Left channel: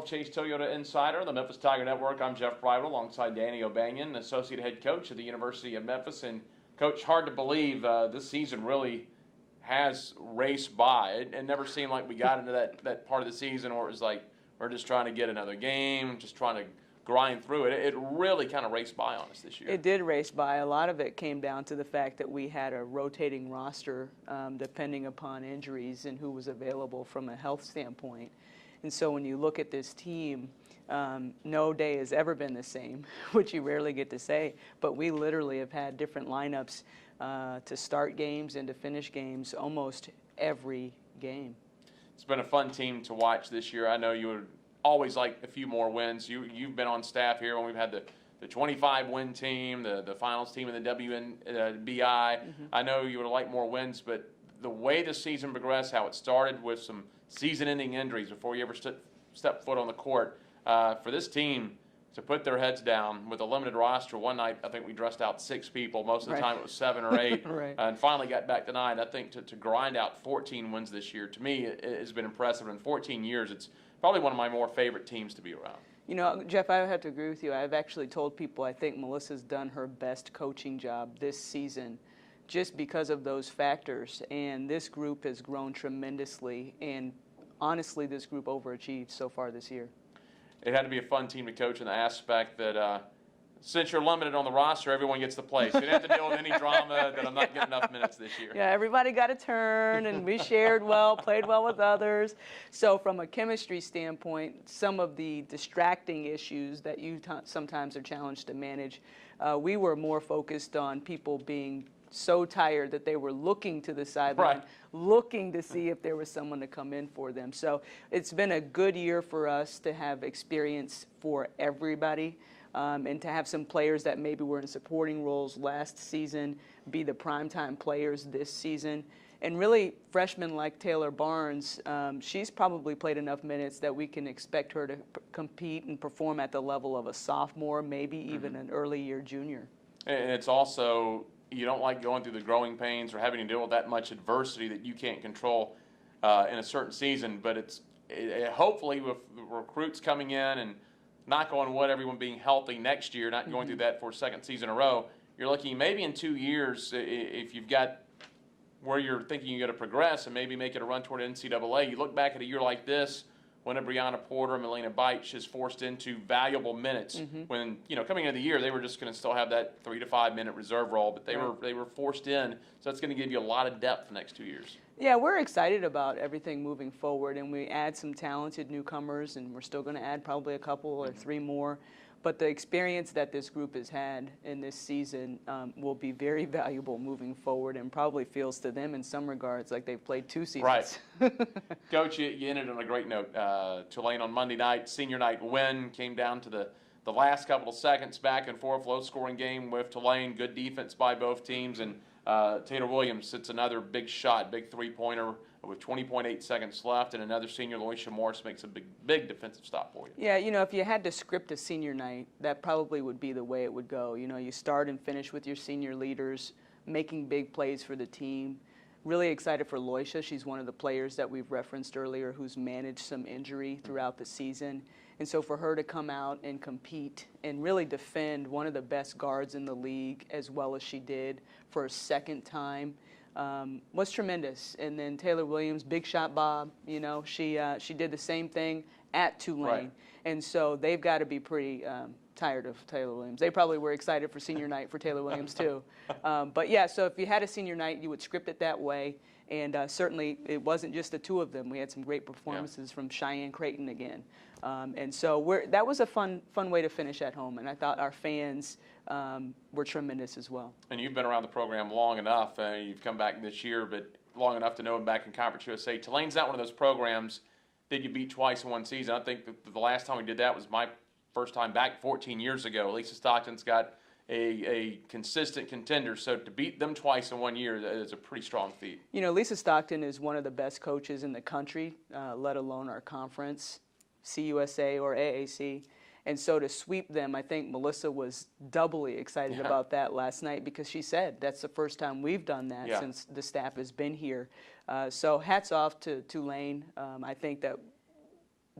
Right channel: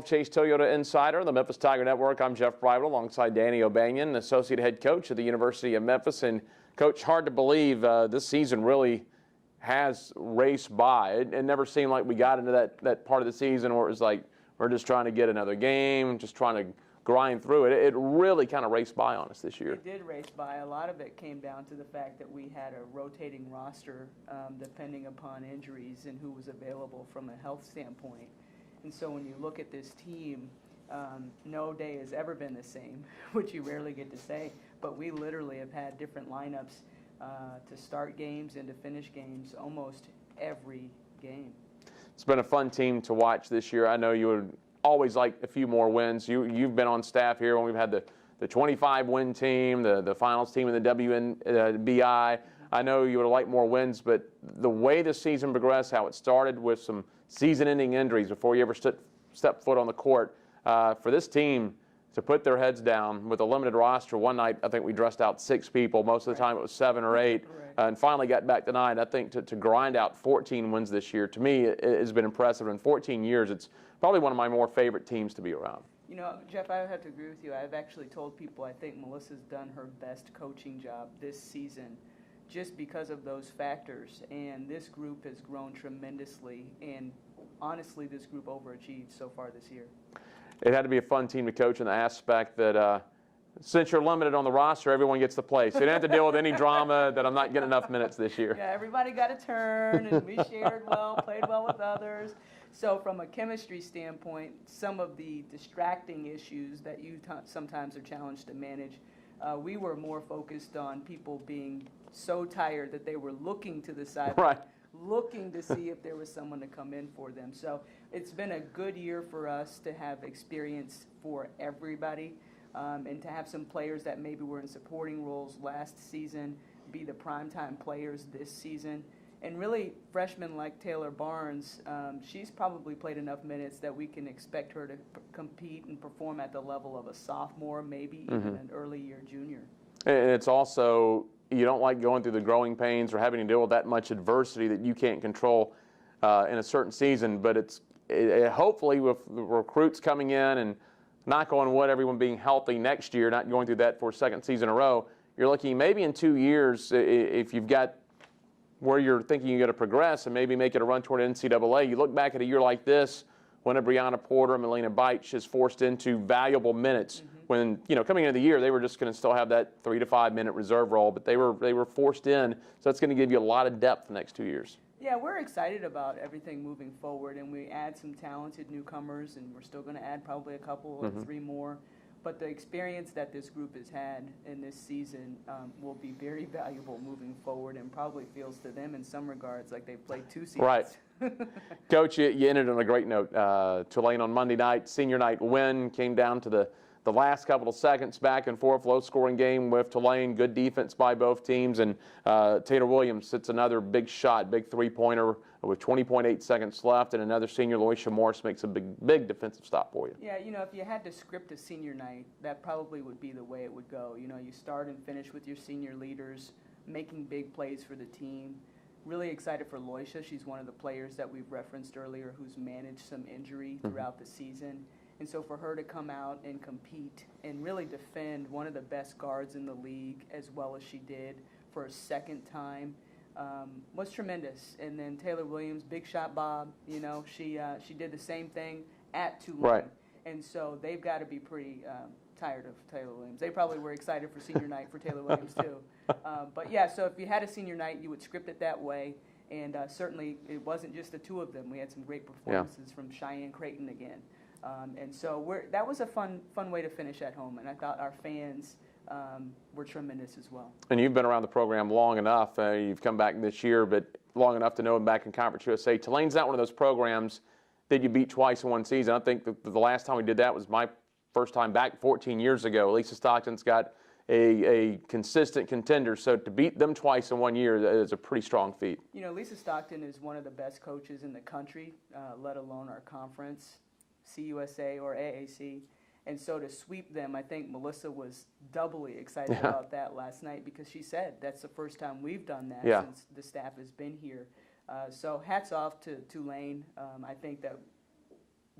Wolfchase Toyota Insider on the Memphis Tiger Network. I'm Jeff Bridle alongside Danny O'Banion, Associate Head Coach at the University of Memphis. And, Coach, hard to believe this season really has raced by. It never seemed like we got into that part of the season where it was like we're just trying to get another game, just trying to grind through it. It really kind of raced by on us this year. It did race by. A lot of it came down to the fact that we had a rotating roster depending upon injuries and who was available from a health standpoint. And so when you look at this team, no day has ever been the same, which you rarely get to say, but we literally have had different lineups to start games and to finish games almost every game. It's been a fun team to watch this year. I know you would always like a few more wins. You've been on staff here when we've had the 25-win team, the finals team in the WNBI. I know you would have liked more wins, but the way the season progressed, how it started with some season-ending injuries before you ever stepped foot on the court, for this team to put their heads down with a limited roster. One night, I think we dressed out 6 people. Most of the time, it was 7 or 8, and finally got back to 9. I think to grind out 14 wins this year, to me, it has been impressive. In 14 years, it's probably one of my more favorite teams to be around. You know, Jeff, I have to agree with you. I've actually told people I think Melissa's done her best coaching job this season just because of those factors. And this group has grown tremendously. And honestly, this group overachieved so far this year. It had to be a fun team to coach in the aspect that since you're limited on the roster, everyone gets to play. So you don't have to deal with any drama that I'm not getting enough minutes this year. Yeah, everybody got a turn, and we shared well, played well with others. So from a chemistry standpoint, some of the distracting issues that you sometimes are challenged to manage, we were more focused on people being so tired that they were looking to the sideline, looking to see if there was someone to come in for them. So it's been a good year for us to have experience for everybody. And to have some players that maybe were in supporting roles last season be the primetime players this season. And really, freshmen like Taylor Barnes, she's probably played enough minutes that we can expect her to compete and perform at the level of a sophomore, maybe even an early year junior. And it's also, you don't like going through the growing pains or having to deal with that much adversity that you can't control in a certain season. But hopefully with the recruits coming in and knock on wood, everyone being healthy next year, not going through that for a second season in a row, you're looking maybe in 2 years, if you've got where you're thinking you're going to progress and maybe make it a run toward NCAA, you look back at a year like this when a Brianna Porter and Melina Beich is forced into valuable minutes when, coming into the year, they were just going to still have that 3 to 5 minute reserve role, but they were forced in, so that's going to give you a lot of depth the next 2 years. Yeah, we're excited about everything moving forward, and we add some talented newcomers, and we're still going to add probably a couple or 3 more. But the experience that this group has had in this season will be very valuable moving forward, and probably feels to them in some regards like they've played 2 seasons. Right. Coach, you ended on a great note. Tulane on Monday night, senior night win, came down to the last couple of seconds, back and forth, low-scoring game with Tulane. Good defense by both teams, and Taylor Williams hits another big shot, big three-pointer with 20.8 seconds left, and another senior, Loisha Morris, makes a big defensive stop for you. Yeah, if you had to script a senior night, that probably would be the way it would go. You start and finish with your senior leaders, making big plays for the team. Really excited for Loisha. She's one of the players that we've referenced earlier who's managed some injury throughout the season. And so for her to come out and compete and really defend one of the best guards in the league as well as she did for a second time was tremendous. And then Taylor Williams, big shot Bob, she did the same thing at Tulane. Right. And so they've got to be pretty tired of Taylor Williams. They probably were excited for senior night for Taylor Williams too. But yeah, so if you had a senior night, you would script it that way. And certainly it wasn't just the 2 of them. We had some great performances from Cheyenne Creighton again. And so that was a fun way to finish at home, and I thought our fans were tremendous as well. And you've been around the program long enough. You've come back this year, but long enough to know him back in Conference USA. Tulane's not one of those programs that you beat twice in one season. I think the last time we did that was my first time back 14 years ago. Lisa Stockton's got a consistent contender, so to beat them twice in 1 year is a pretty strong feat. Lisa Stockton is one of the best coaches in the country, let alone our conference, CUSA or AAC. And so to sweep them, I think Melissa was doubly excited about that last night because she said that's the first time we've done that since the staff has been here. So hats off to Tulane. I think that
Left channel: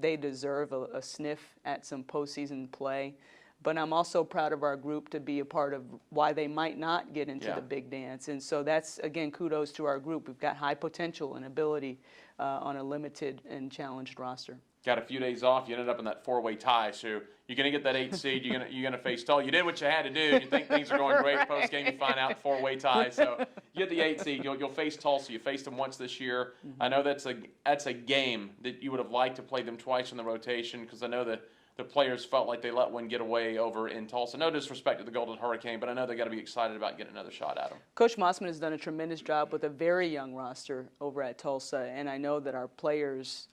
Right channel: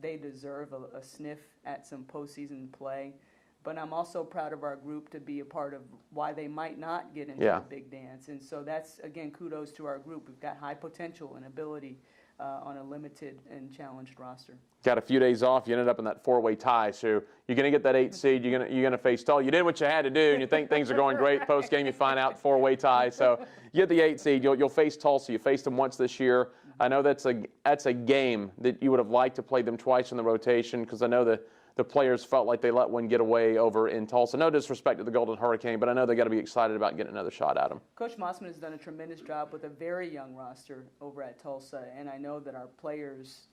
they deserve a sniff at some postseason play. But I'm also proud of our group to be a part of why they might not get into the big dance. And so that's, again, kudos to our group. We've got high potential and ability on a limited and challenged roster. Got a few days off. You ended up in that four-way tie. So you're going to get that 8th seed. You're going to face Tulsa. You did what you had to do, and you think things are going great. Post game, you find out four-way tie. So you get the 8th seed. You'll face Tulsa. You faced them once this year. I know that's a game that you would have liked to play them twice in the rotation, because I know the players felt like they let one get away over in Tulsa. No disrespect to the Golden Hurricane, but I know they got to be excited about getting another shot at them. Coach Mossman has done a tremendous job with a very young roster over at Tulsa, and I know that our players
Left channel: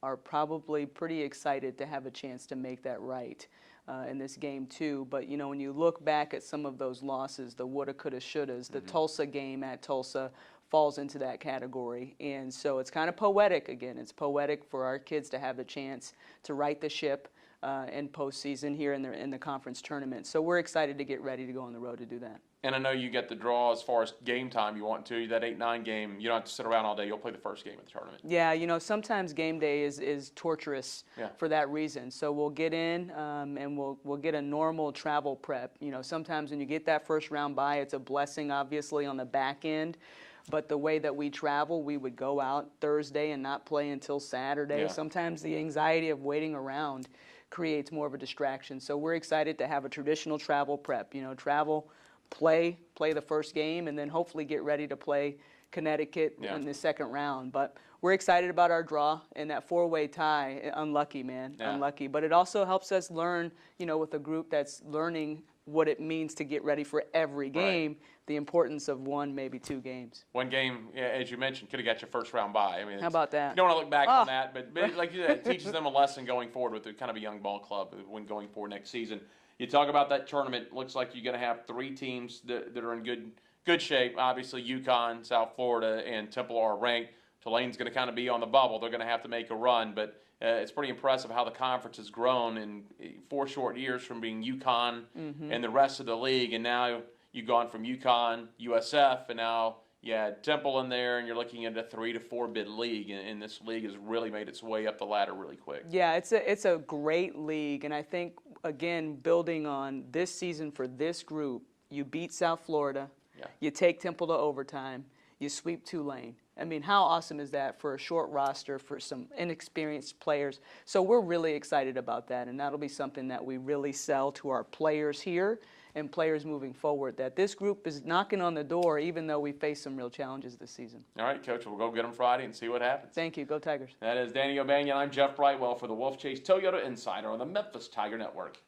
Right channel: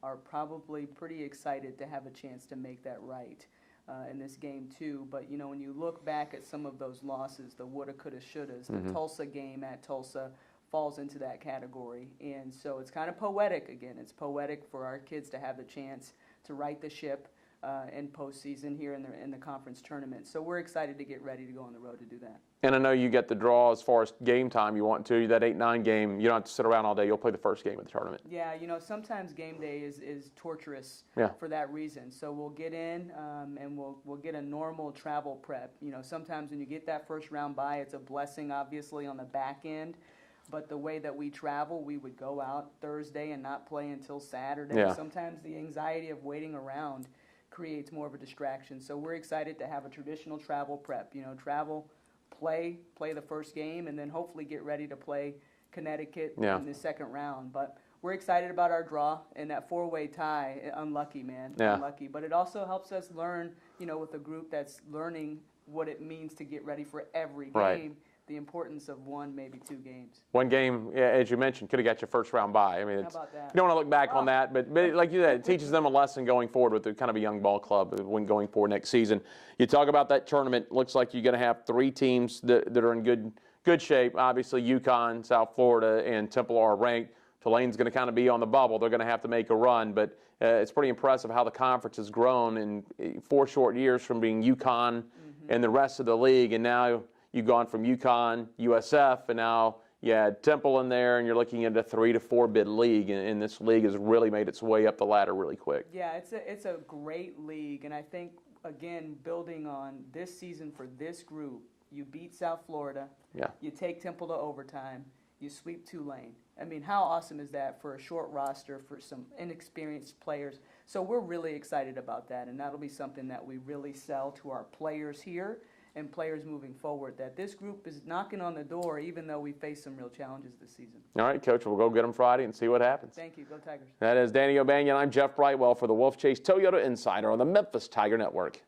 are probably pretty excited to have a chance to make that right in this game too. But you know, when you look back at some of those losses, the woulda, coulda, shouldas, the Tulsa game at Tulsa falls into that category. And so it's kind of poetic again. It's poetic for our kids to have the chance to right the ship in postseason here in the conference tournament. So we're excited to get ready to go on the road to do that. And I know you get the draw as far as game time you want to. That 8-9 game, you don't have to sit around all day. You'll play the first game of the tournament. Yeah, you know, sometimes game day is torturous for that reason. So we'll get in and we'll get a normal travel prep. You know, sometimes when you get that first round bye, it's a blessing, obviously, on the back end. But the way that we travel, we would go out Thursday and not play until Saturday. Yeah. Sometimes the anxiety of waiting around creates more of a distraction. So we're excited to have a traditional travel prep. You know, travel, play the first game, and then hopefully get ready to play Connecticut in the second round. But we're excited about our draw and that four-way tie. Unlucky, man, unlucky. But it also helps us learn, you know, with a group that's learning what it means to get ready for every game, the importance of one, maybe two games. One game, as you mentioned, could have got your first round bye. I mean, how about that? You don't want to look back on that, but like you said, it teaches them a lesson going forward with the kind of a young ball club when going forward next season. You talk about that tournament. Looks like you're going to have 3 teams that are in good shape. Obviously, UConn, South Florida, and Temple are ranked. Tulane's going to kind of be on the bubble. They're going to have to make a run, but it's pretty impressive how the conference has grown in 4 short years from being UConn and the rest of the league, and now you've gone from UConn, USF, and now you had Temple in there, and you're looking at a 3 to 4 bid league, and this league has really made its way up the ladder really quick. Yeah, it's a great league, and I think, again, building on this season for this group, you beat South Florida, you take Temple to overtime, you sweep Tulane. I mean, how awesome is that for a short roster, for some inexperienced players? So we're really excited about that, and that'll be something that we really sell to our players here and players moving forward, that this group is knocking on the door even though we face some real challenges this season. All right, Coach, we'll go get them Friday and see what happens. Thank you. Go Tigers. That is Danny O'Banion. I'm Jeff Brightwell for the Wolfchase Toyota Insider on the Memphis Tiger Network.